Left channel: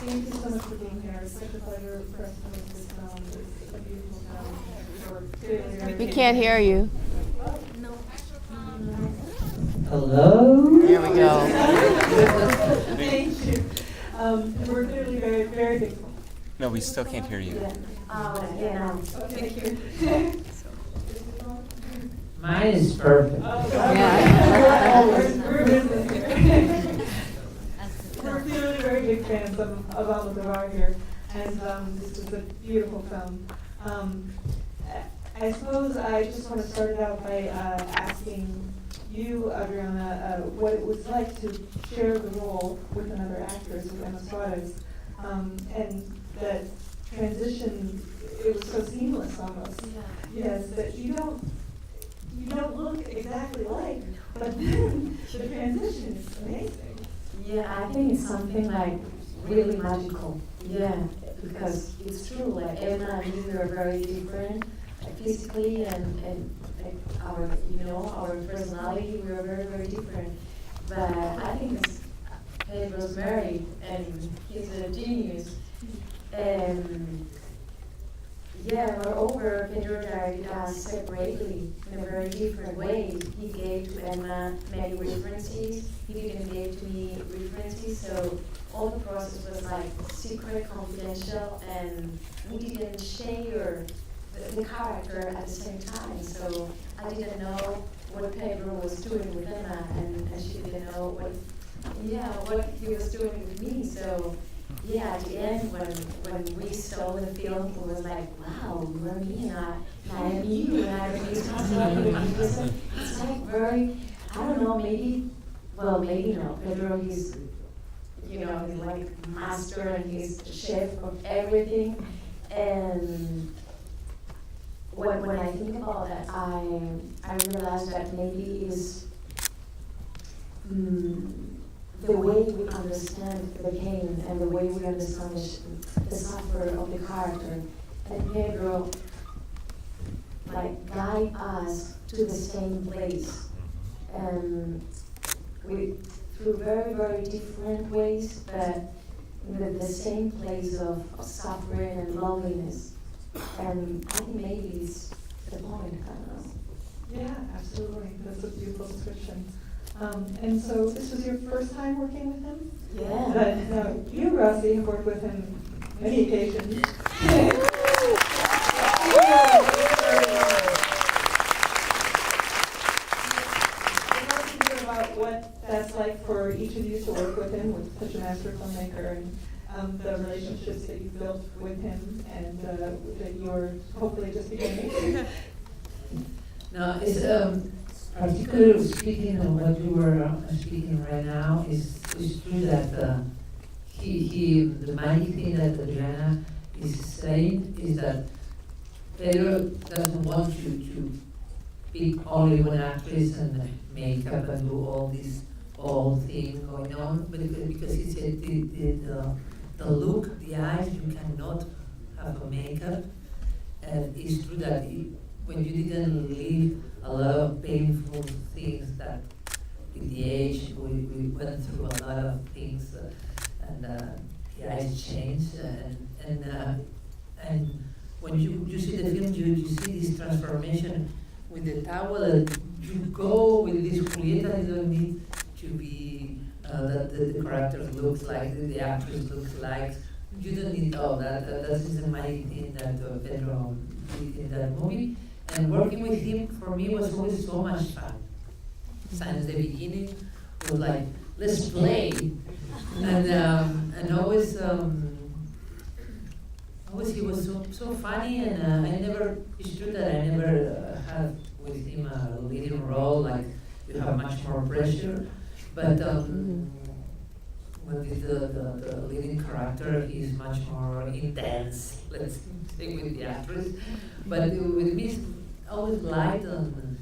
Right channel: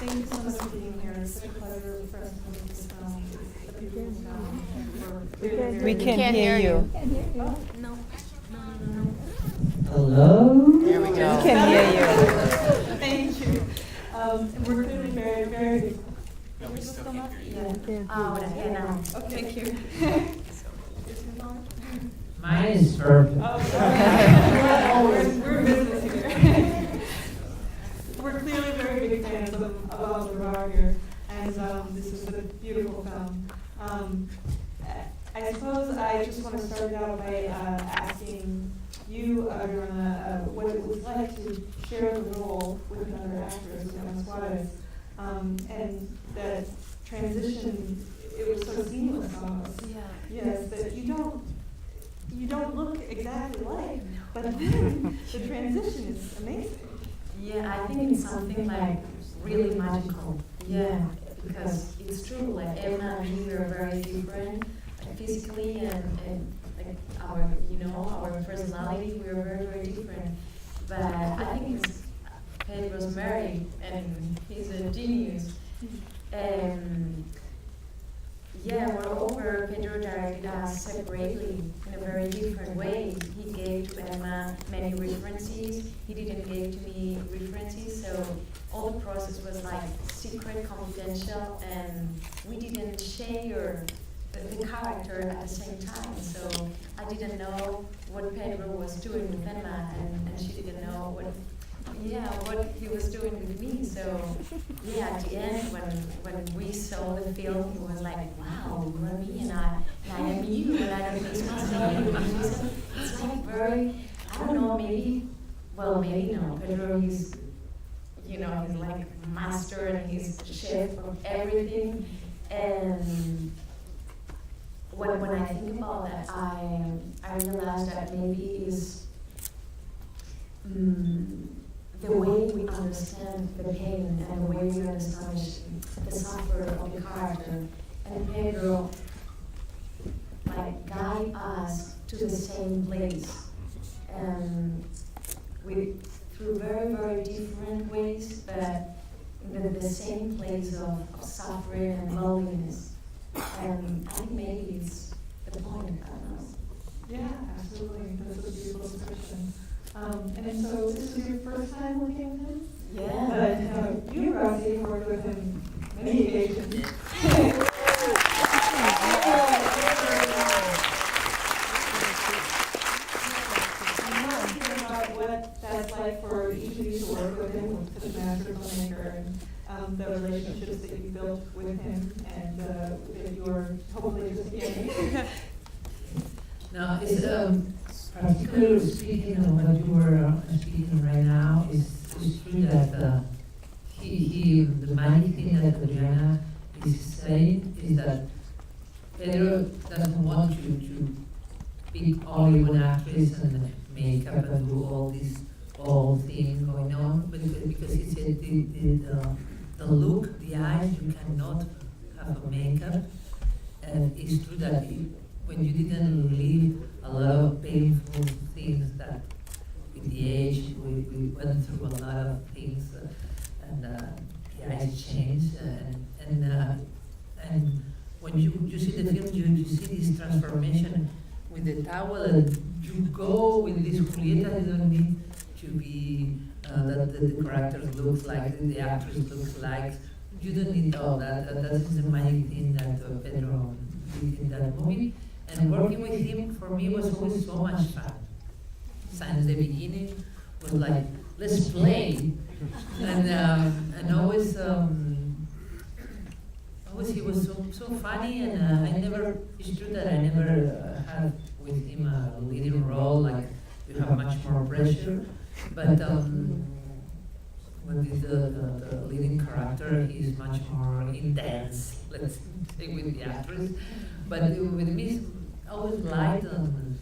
Thank you so much for being here. It's such a pleasure for us to make this film. It's a beautiful film. We can't hear you. Oh, no. Hello? There we go. Thank you. We're feeling very, very. No, we still can't hear you. Okay, thank you. Mine is perfect. We're business here. We're clearly very big fans of Almodovar here, and this is a beautiful film. I suppose I just want to start out by asking you, Adriana, what it was like to share the role with another actress, Emma Suarez, and that transition. It was so seamless almost. Yeah. Yes, that you don't look exactly like, but then the transition is amazing. Yeah, I think it's something like really magical. Yeah, because it's true. Like Emma and me, we are very different, like physically and like our personality. We are very, very different. But I think it's Pedro's married and he's a genius. Yeah, moreover, Pedro directed us separately in a very different way. He gave to Emma many references. He didn't give to me references, so all the process was like secret, confidential, and we didn't share the character at the same time. So I didn't know what Pedro was doing with Emma, and she didn't know what he was doing with me. So yeah, at the end, when we saw the film, it was like, wow, you are me and I am you, and I don't miss myself. It's like very, I don't know, maybe no. Pedro, he's like master and he's chef of everything. And when I think about that, I realize that maybe is the way we understand the pain and the way we understand the suffering of the character. And Pedro guide us to the same place. And through very, very different ways, but in the same place of suffering and loneliness. And I think maybe it's the point, I don't know. Yeah, absolutely. That's a beautiful description. And so this was your first time working with him? Yeah. But you, Rossy, have worked with him many occasions. Tell us about what that's like for each of you to work with him, with such a master filmmaker, and the relationships that you built with him, and that you're hopefully just beginning. No, it's particularly speaking of what you were speaking right now, it's true that the main thing that Adriana is saying is that Pedro doesn't want you to pick only one actress and make up and do all this whole thing going on, but because he said the look, the eyes, you cannot have a makeup, and it's true that when you didn't live a lot of painful things that with the age we went through a lot of things and the eyes changed and when you see the film you see this transformation with the towel and you go with this Julieta. You don't need to be that the character looks like, the actress looks like. You don't need all that. That is the main thing that Pedro did in that movie. And working with him for me was always so much fun. Since the beginning, was like, let's play, and always he was so funny, and it's true that I never had with him a leading role, like you have much more pressure, but with the leading character, he's much more intense, let's say, with the actress, but with me, it's always light and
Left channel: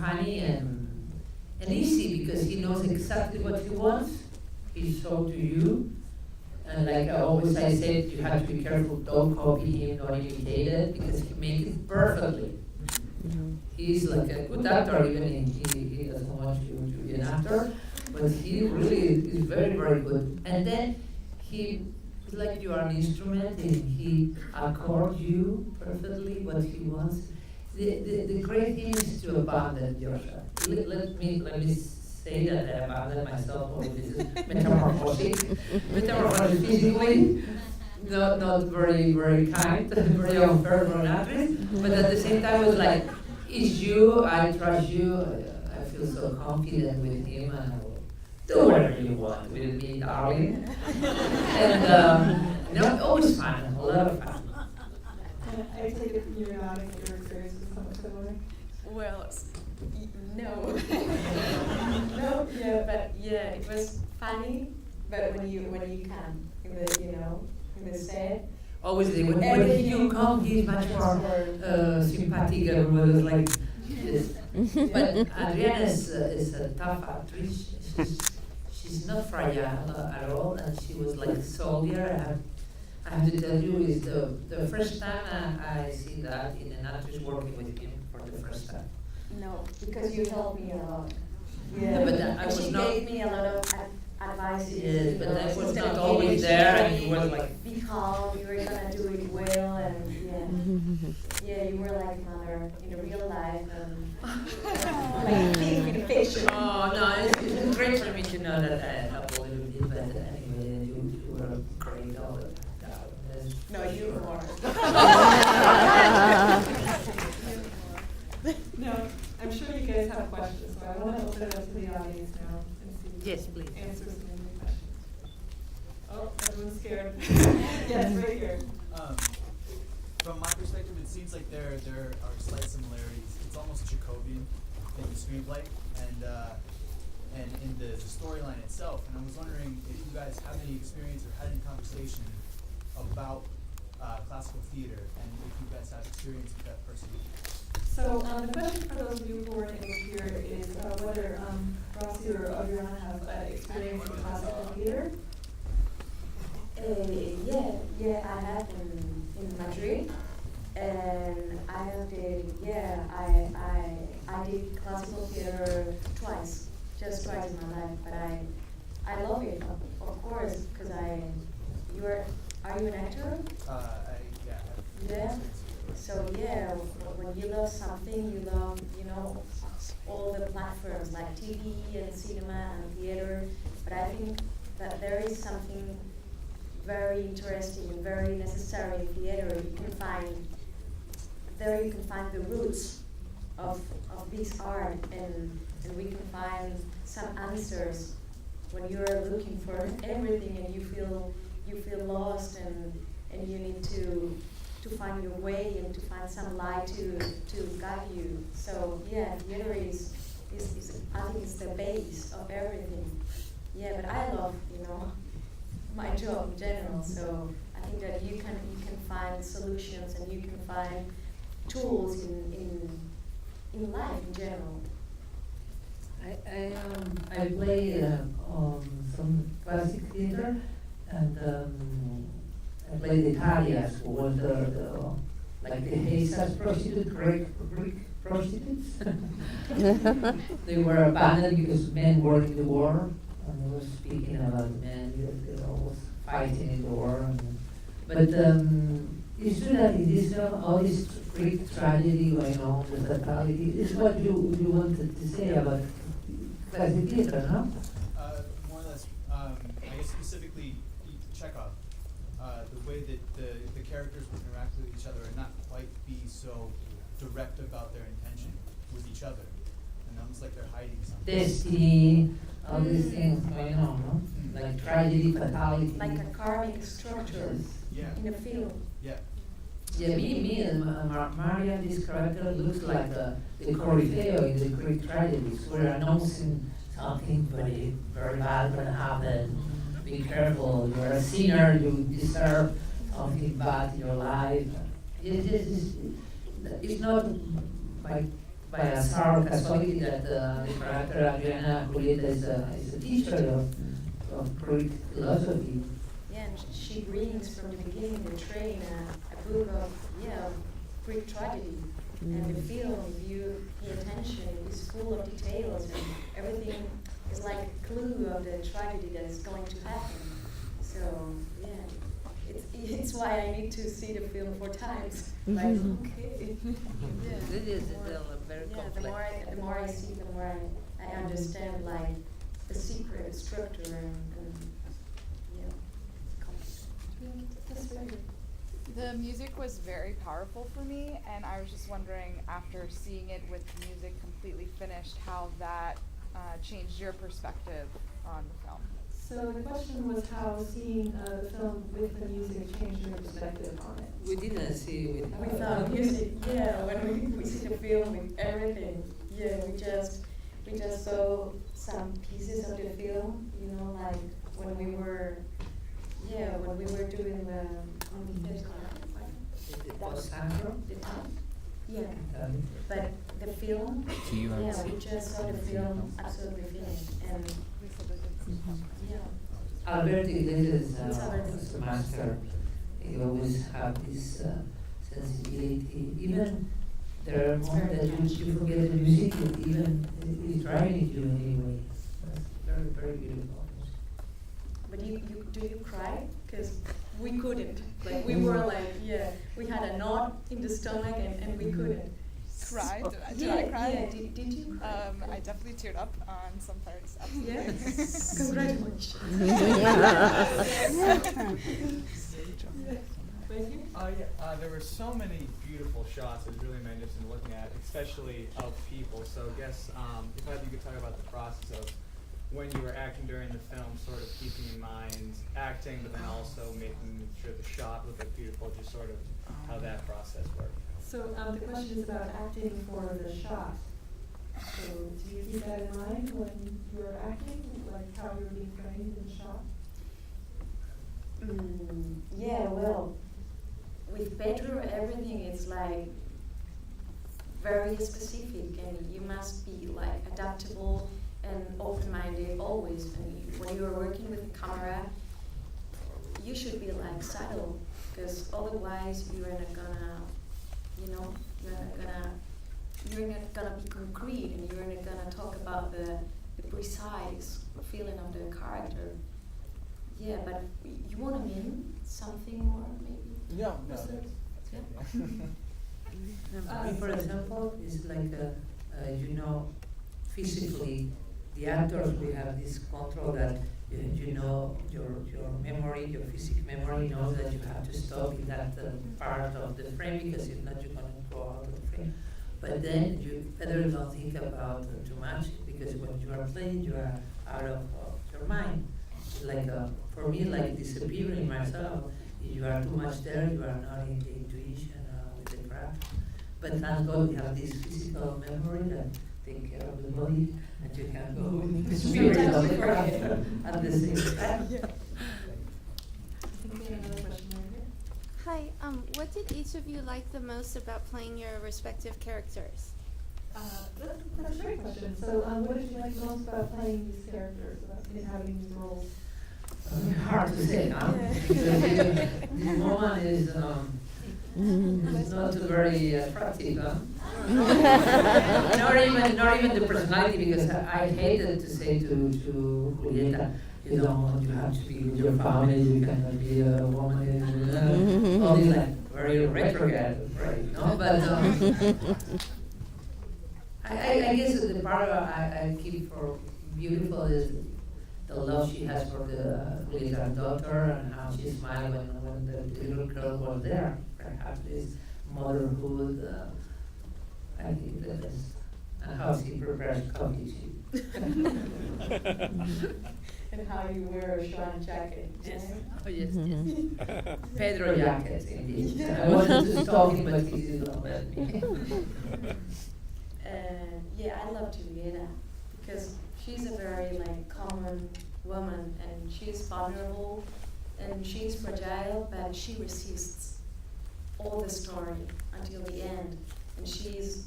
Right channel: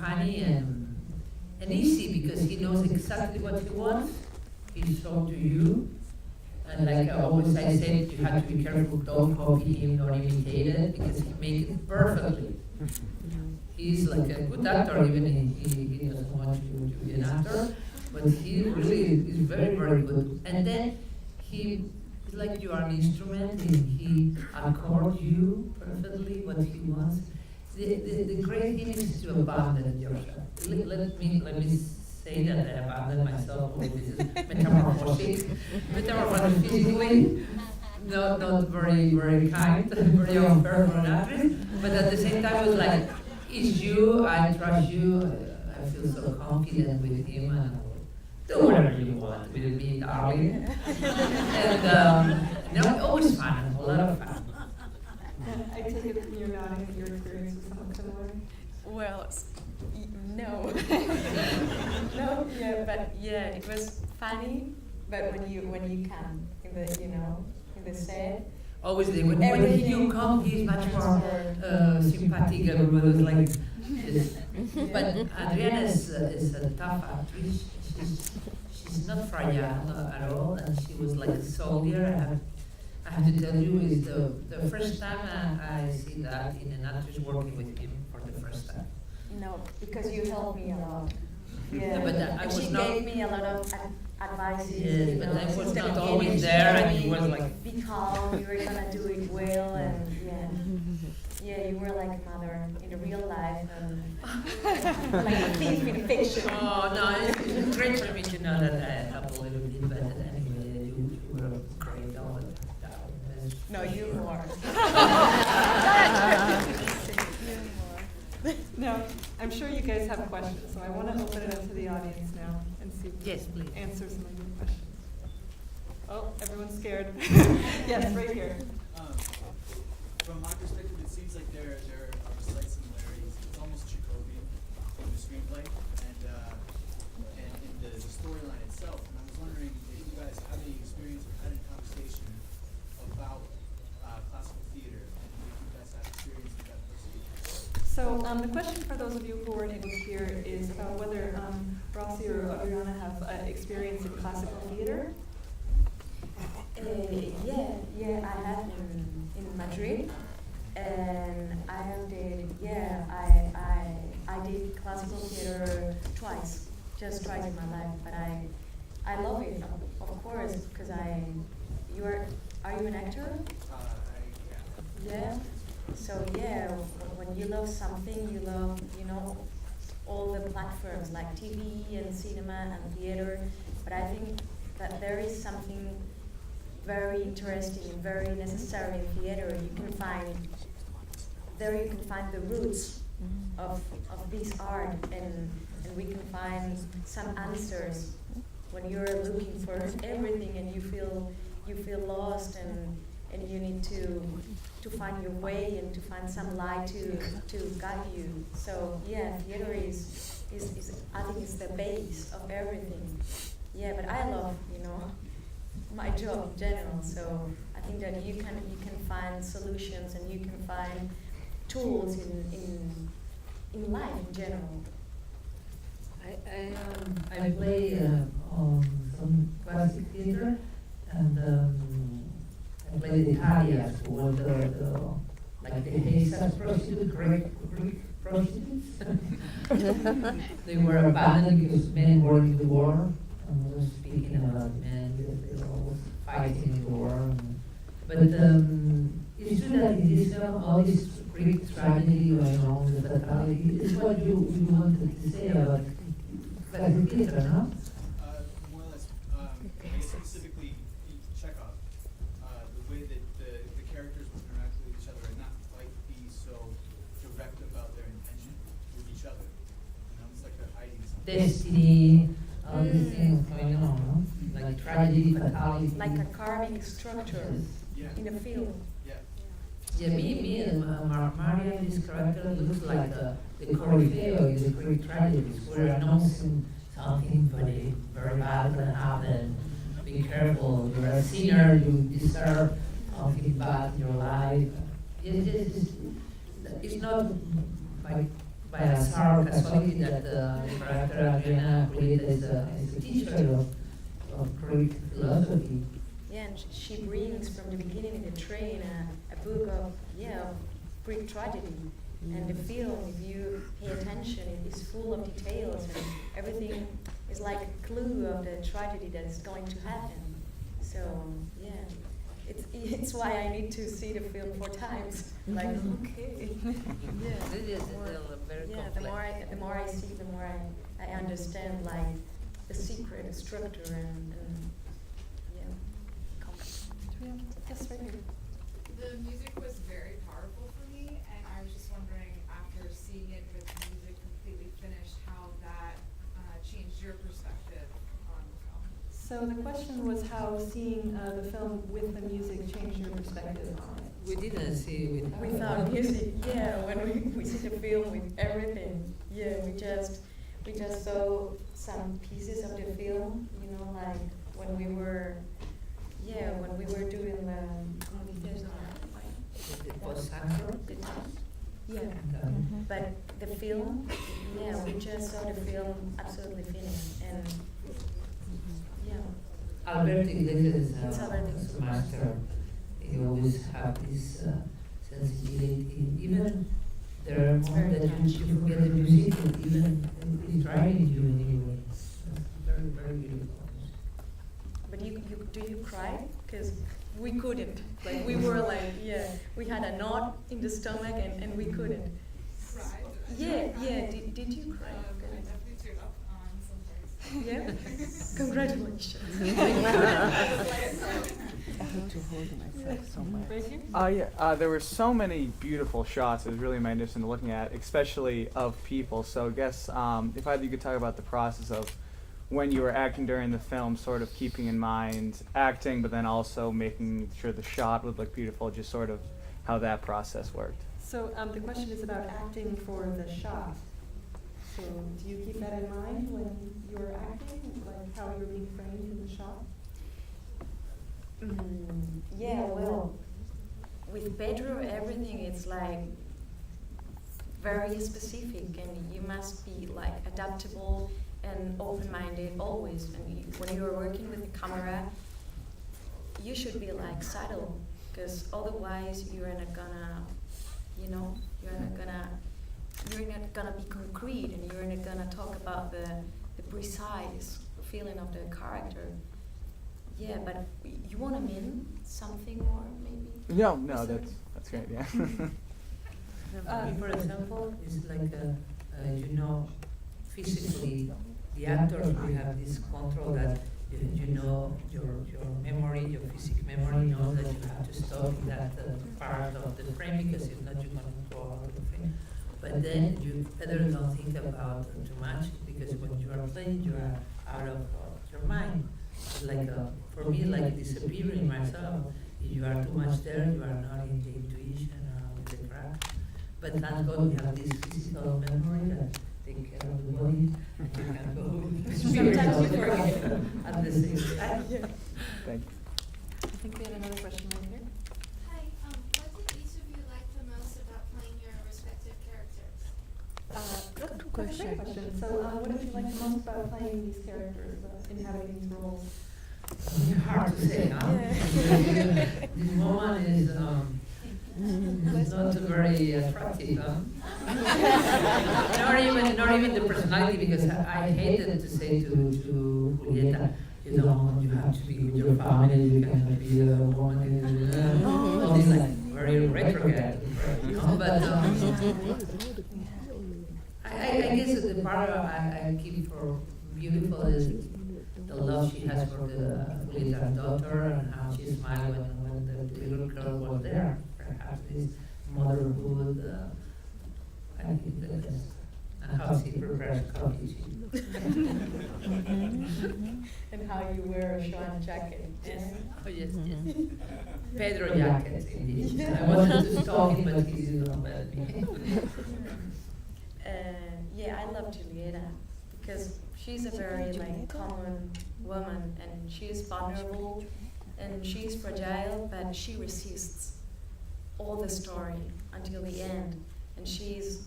funny and easy, because he knows exactly what he wants. He showed to you. And like always I said, you have to be careful, don't copy him, don't imitate it, because he makes it perfectly. He's like a good actor, even if he doesn't want you to be an actor, but he really is very, very good. And then it's like you are an instrument, and he accords you perfectly what he wants. The great thing is to abandon yourself. Let me say that I abandon myself with this metamorphosis physically. Not very, very kind, very unfair for an actress, but at the same time, it was like, it's you, I trust you, I feel so confident with him, and I will do whatever you want with me, darling. And always fun, a lot of fun. I take it from your nodding that your experience was somewhat similar. Well, no. No, yeah, but yeah, it was funny. But when you come in the in the set, Obviously, when you come, he's much more sympathetic. Everybody was like, yes. But Adriana is a tough actress. She's not fragile at all, and she was like a soldier. I have to tell you, is the first time I see that in an actress working with him for the first time. no, because you helped me a lot. Yeah, but I and was she not. gave me a lot of advice. Yes, but I was not always there, and you was like. Be calm. You were gonna do it well, and yeah, you were like a mother in the real life, and like a thief in fiction. Oh no, it's great for me to know that I helped a little bit, but anyway, you were great all the time. No, you more. No, I'm sure you guys have questions, so I want to open it up to the audience now and see if Yes, you please. can answer some of your questions. Oh, everyone's scared. Yes, right here. From my perspective, it seems like there are slight similarities. It's almost Jacobian in the screenplay and in the storyline itself. And I was wondering if you guys have any experience or had any conversation about classical theater, and if you guys have experience with that personally. So the question for those of you who weren't able to hear is whether Rossy or Adriana have experience in classical theater. Yeah, I have in Madrid, and I did classical theater just twice in my life, but I love it, of course, because are you an actor? Yeah. So yeah, when you love something, you love, all the platforms like TV and cinema and theater, but I think that there is something very interesting and very necessary in theater. You can find the roots of this art, and we can find some answers when you're looking for everything and you feel lost, and you need to find your way and to find some light to guide you. So yeah, theater is I think it's the base of everything. Yeah, but I love my job in general. So I think that you can find solutions and you can find tools in life in general. I play some classic theater, and I play the Italians, who were like the Haitian prostitutes, Greek prostitutes. They were abandoned because men were in the war, and we were speaking about men because they were always fighting in the war. But it's true that in this film, all this Greek tragedy going on, the fatality, is what you wanted to say about classic theater, no? More or less, I guess specifically Chekhov, the way that the characters would interact with each other and not quite be so direct about their intention with each other. And almost like they're hiding something. Destiny, all these things going on, no? Like tragedy, fatality. Like a karmic structure in a film. Yeah. Yeah, me and Maria, this character looks like the Corifeo in the Greek tragedies. We're announcing something very, very bad going to happen. Be careful, you're a sinner, you deserve something bad in your life. It's not by a sour casualty that the character Adriana Ugarte is a teacher of Greek philosophy. Yeah, and she brings from the beginning in the train a book of Greek tragedy. And the film, if you pay attention, it is full of details, and everything is like a clue of the tragedy that is going to happen. So So yeah, it's why I need to see the film 4 times. Like okay, yeah. It is More- very yeah, complex. the more I see, the more I understand like the secret structure and yeah, complex. Yes, right here. The music was very powerful for me, and I was just wondering, after seeing it with the music completely finished, how that changed your perspective on the film. So the question was how seeing the film with the music changed your perspective on it. We didn't see it with. Without music, yeah, when we see the film with everything, yeah, we just saw some pieces of the film, you know, like when we were doing the, ¿cómo dices? The post-santo. Yeah, but the film, Do you yeah, understand? we just saw the film absolutely finished, and yeah. Albert Iglesias It's Albert. is a master. He always have this sensibility. Even there are moments that you forget the music, and even it's driving you anyway. That's very, very beautiful. But do you cry? Because we couldn't. Like we were like, yeah, we had a knot in the stomach and we couldn't. Cried? Yeah, Did I cry? yeah. Did you cry? I definitely teared up on some parts. Yeah. Congratulations. Yeah, there were so many beautiful shots. It was really magnificent looking at, especially of people. So I guess if either you could talk about the process of when you were acting during the film, sort of keeping in mind acting, but then also making sure the shot looked like beautiful, just sort of how that process worked. So the question is about acting for the shot. So do you keep that in mind when you're acting, like how you're being framed in the shot? Yeah, well, with Pedro, everything is like very specific, and you must be like adaptable and open-minded always. And when you are working with a camera, you should be like subtle, because otherwise you are not gonna, you know, you're not gonna be concrete, and you're not gonna talk about the precise feeling of the character. Yeah, but you want to mean something more, maybe? No, that's great, yeah. For example, it's like, physically, the actors, we have this control that, you know, your memory, your physical memory knows that you have to stop in that part of the frame, because if not, you're going to go out of the frame. But then you better don't think about too much, because when you are playing, you are out of your mind. It's like, for me, like disappearing myself. If you are too much there, you are not in the intuition with the craft. But thank God we have this physical memory that take care of the body, and you can go with the spirit of the craft at the same time. Thanks. I think we have another question right here. Hi, what did each of you like the most about playing your respective characters? That's a great question. So what did you like the most about playing these characters, inhabiting these roles? Hard to say, huh? This woman is not very attractive, huh? not even the personality, because I hated to say to Julieta, you know, you have to be with your family, you cannot be a woman, all this like very retrograde, you know, but I guess the part I keep for beautiful is the love she has for the Julieta's daughter, and how she smiled when the little girl was there. Perhaps this motherhood, I think the best. And how she prepares coffee. And how you wear a Joan jacket. Yes. Oh, yes, yes. Pedro jacket, indeed. I wanted to stop him, but he did not let me. Yeah, I love Julieta because she's a very like common woman, and she's vulnerable and she's fragile, but she resists all the story until the end, and she's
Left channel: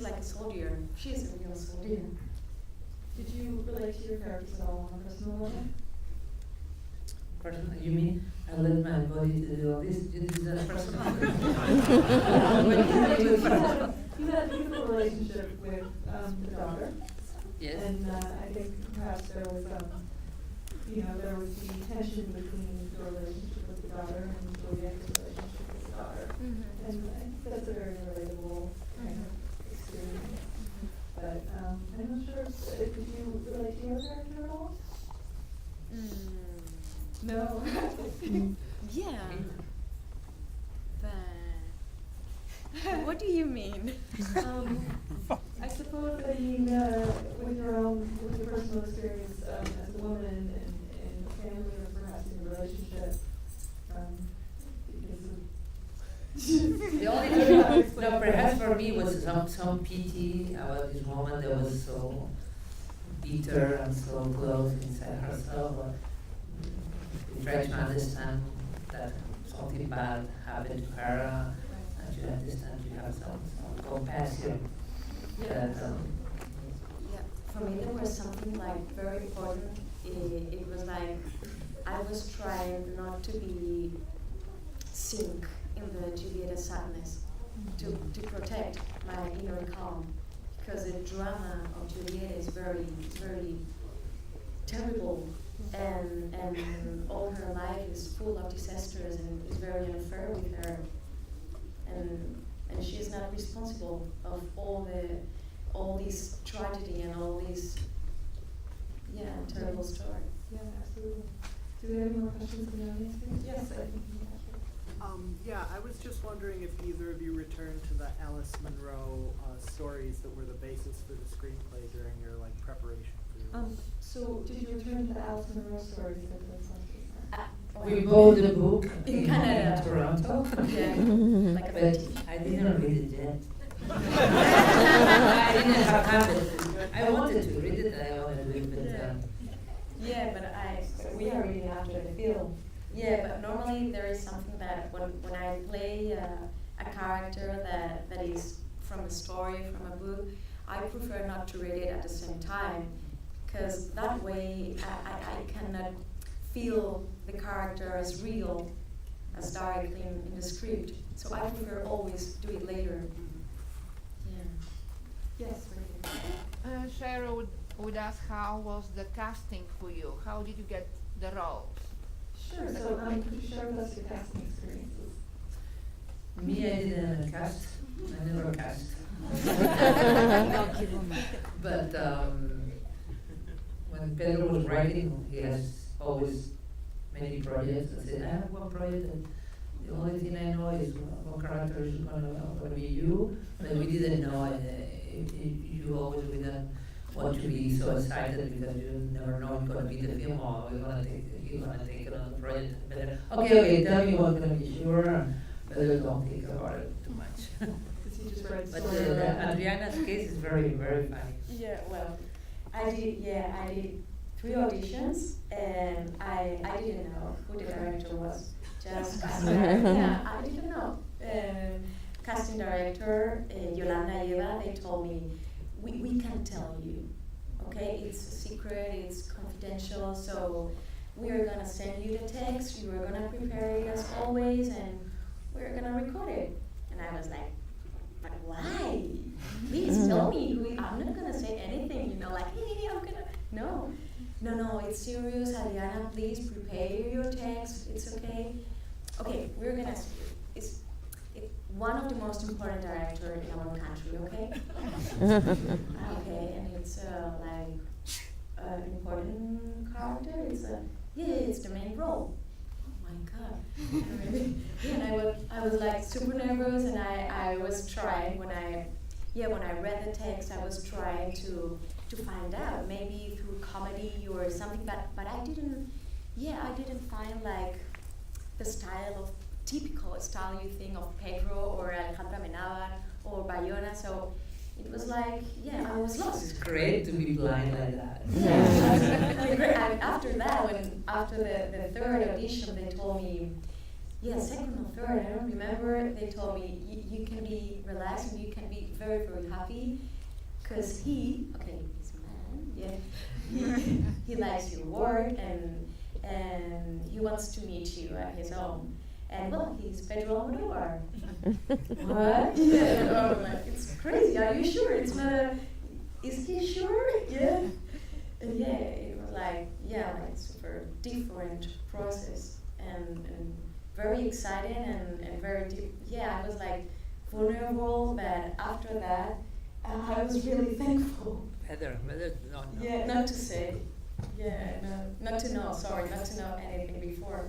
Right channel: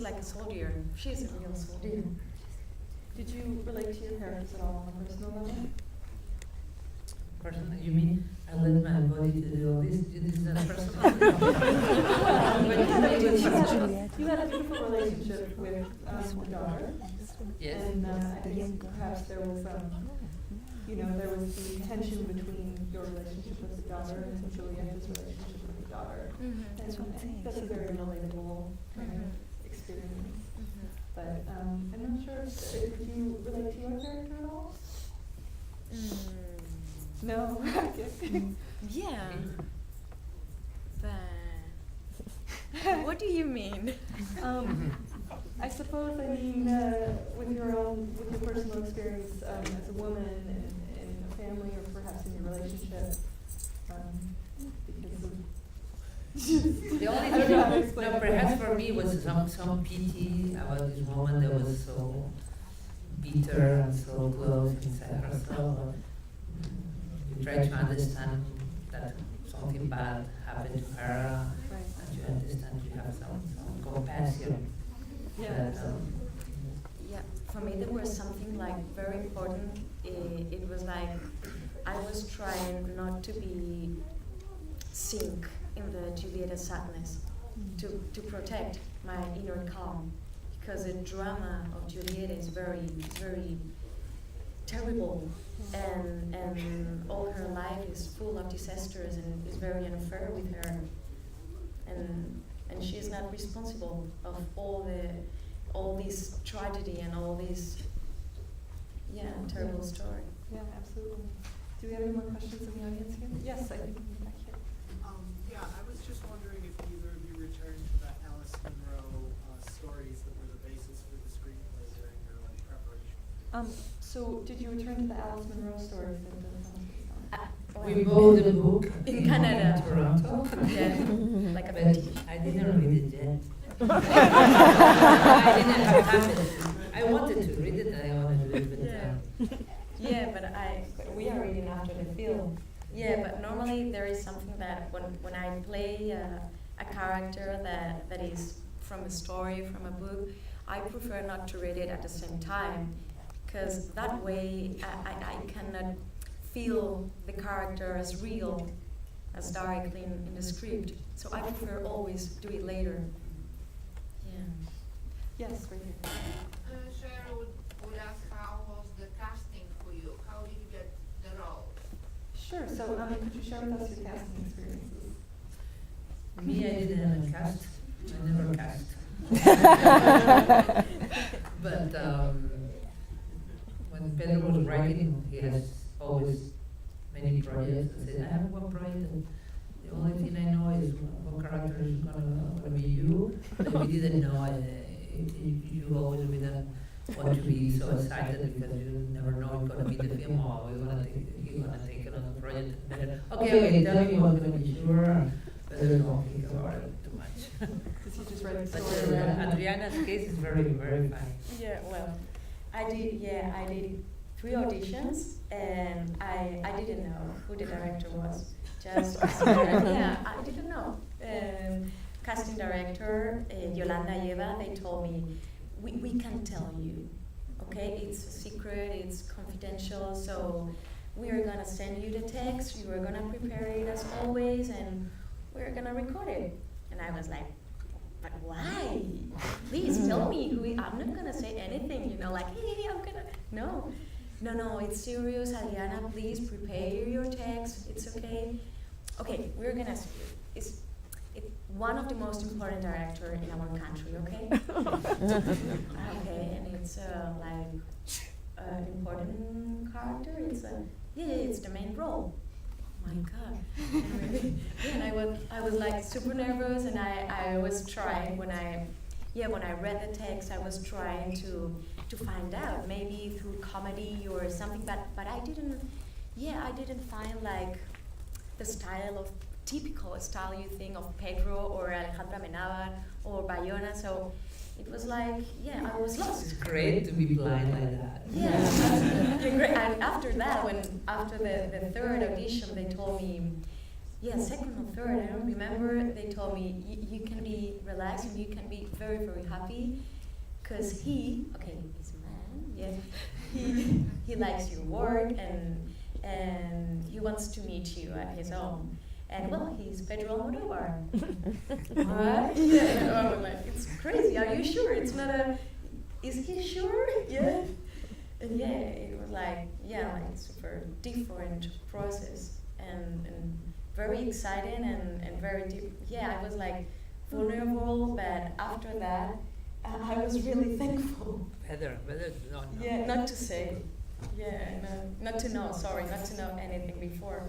like a soldier. She's a real soldier. Did you relate to your characters at all on a personal level? Personal, you mean I let my body to do all this? Is that personal? You had a beautiful relationship with the daughter. Yes. And I think perhaps there was you know, there was the tension between your relationship with the daughter and Julieta's relationship with the daughter. And I think that's a very relatable kind of experience. But I'm not sure, did you relate to your character at all? No. Yeah. But what do you mean? I suppose, I mean, with your personal experience as a woman and in a family, or perhaps in your relationship, because of The only thing, no, perhaps for me was some pity about this woman that was so bitter and so close inside herself. We try to understand that something bad happened to her, and you understand, you have some compassion. Yeah. Yeah, for me there was something like very important. It was like I was trying not to be sink in the Julieta sadness, to protect my inner calm, because the drama of Julieta is very terrible, and all her life is full of disasters and is very unfair with her, and she is not responsible of all this tragedy and all this terrible story. Yeah, absolutely. Do we have any more questions in the audience here? Yes, I think back here. Yeah, I was just wondering if either of you returned to the Alice Munro stories that were the basis for the screenplay during your preparation for this. So did you return to the Alice Munro stories in the We bought the book In Canada. Toronto. Yeah, like a But bit. I didn't read it yet. I didn't have time. I wanted to read it, I wanted to read it, but Yeah, but we are reading after the film. Yeah, but normally there is something that when I play a character that is from a story, from a book, I prefer not to read it at the same time, because that way I cannot feel the character as real, as directly in the script. So I prefer always do it later. Yeah. Yes, right here. Cheryl would ask, how was the casting for you? How did you get the role? Sure, so could you share with us your casting experiences? me, I didn't cast. I never cast. But when Pedro was writing, he has always many projects. I said, I have one project, and the only thing I know is what character is gonna be you. But we didn't know. You always didn't want to be so excited because you never know it's gonna be the film or you're gonna take another project. Better. Okay, tell me what's gonna be sure. Better don't think about it too much. Because he just read the But story. Adriana's case is very, very funny. Yeah, well, I did 3 auditions, and I didn't know who the director was. Just yeah, I didn't know. Casting director Yolanda Eva, they told me we can't tell you, okay? It's a secret, it's confidential, so we are gonna send you the text, you are gonna prepare it as always, and we're gonna record it. And I was like, but why? Please tell me who I'm not gonna say anything, like, hey, I'm gonna, no, it's serious, Adriana, please prepare your text, it's okay. Okay, we're gonna see you. It's one of the most important director in our country, okay? Okay, and it's important character, it's the main role. Oh my God. And I was like super nervous, and I was trying when I read the text, I was trying to find out, maybe through comedy or something, but I didn't find like the typical style you think of Pedro or Alejandra Amenábar or Bayona, so it was like, I was lost. It's great to be blind like that. Yeah, absolutely great. And after that, after the 3rd audition, they told me, second or third, I don't remember, they told me, you can be relaxed and you can be very, very happy, because he's a man, he likes your work, and he wants to meet you at his home. And well, he's Pedro Almodovar. What? Yeah, I'm like, it's crazy. Are you sure? It's not is he sure? Yeah. And it was like, yeah, like super different process and very exciting and very deep. Yeah, I was like vulnerable, but after that, I was really thankful. Better not know. Yeah, not to say. Yeah, not to know. Sorry, not to know anything before.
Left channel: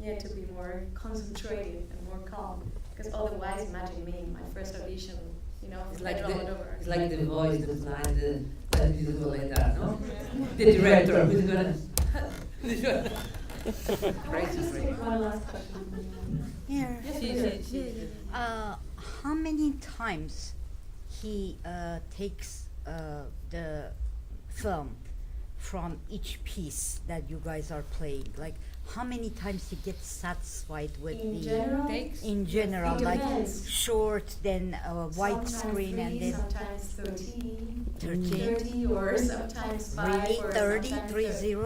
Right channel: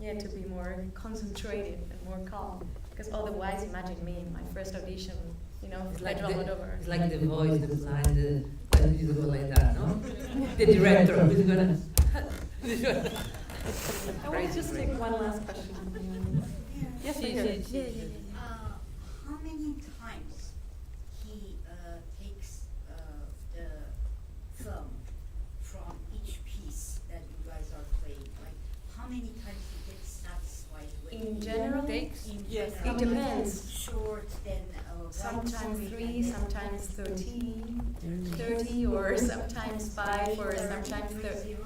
Yeah, to be more concentrated and more calm. Because otherwise, imagine me, my first audition, you know, It's for like Almodovar. it's like the voice, the blind, why did you go like that, no? The director who's gonna. I want to just take one last question. Yeah. Yes, She- please. she- she- How many times he takes the film from each piece that you guys are playing? Like, how many times he gets satisfied with In the general, takes? in Yes, general, it like depends. short, then sometimes widescreen, 3, and then sometimes 13, 13. 30, or sometimes 5, Really? or 30, sometimes 30?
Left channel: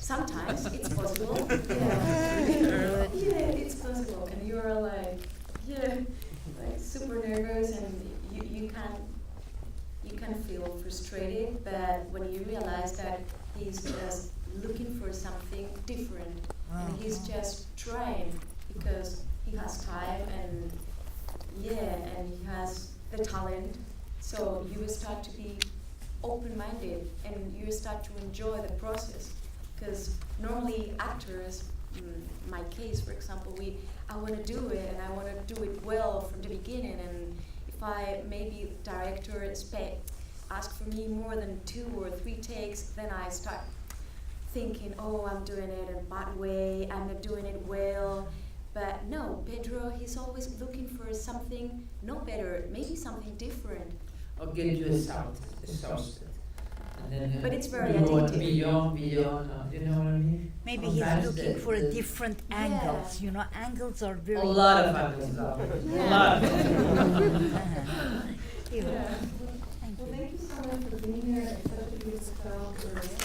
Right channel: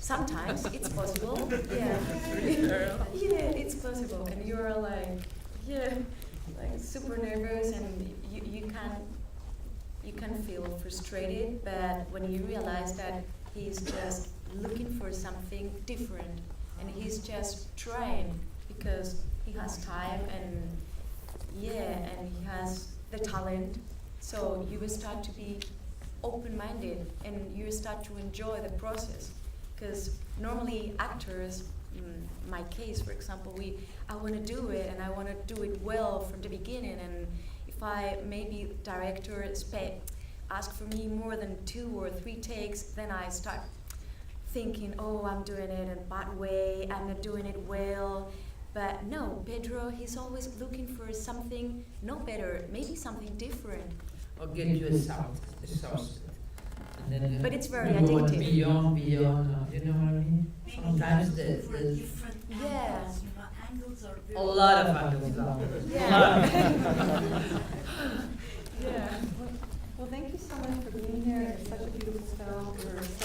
Sometimes it's possible. Yeah, yeah, it's possible, and you are like, yeah, like super nervous, and you can feel frustrated. But when you realize that he's just looking for something different, and he's just trying because he has time and and he has the talent, so you will start to be open-minded and you start to enjoy the process. Because normally actors, my case for example, I want to do it and I want to do it well from the beginning, and if maybe director ask for me more than 2 or 3 takes, then I start thinking, oh, I'm doing it in a bad way, I'm not doing it well. But no, Pedro, he's always looking for something no better, maybe something different. Or get you exhausted. And then, But it's very you go addictive. Beyond, you know what I mean? maybe he's Sometimes looking for the different Yeah. angles. You know, angles are very a lot of angles now. Yeah. A lot. Yeah. Well, thank you so much for being here. It's such a beautiful film. We're so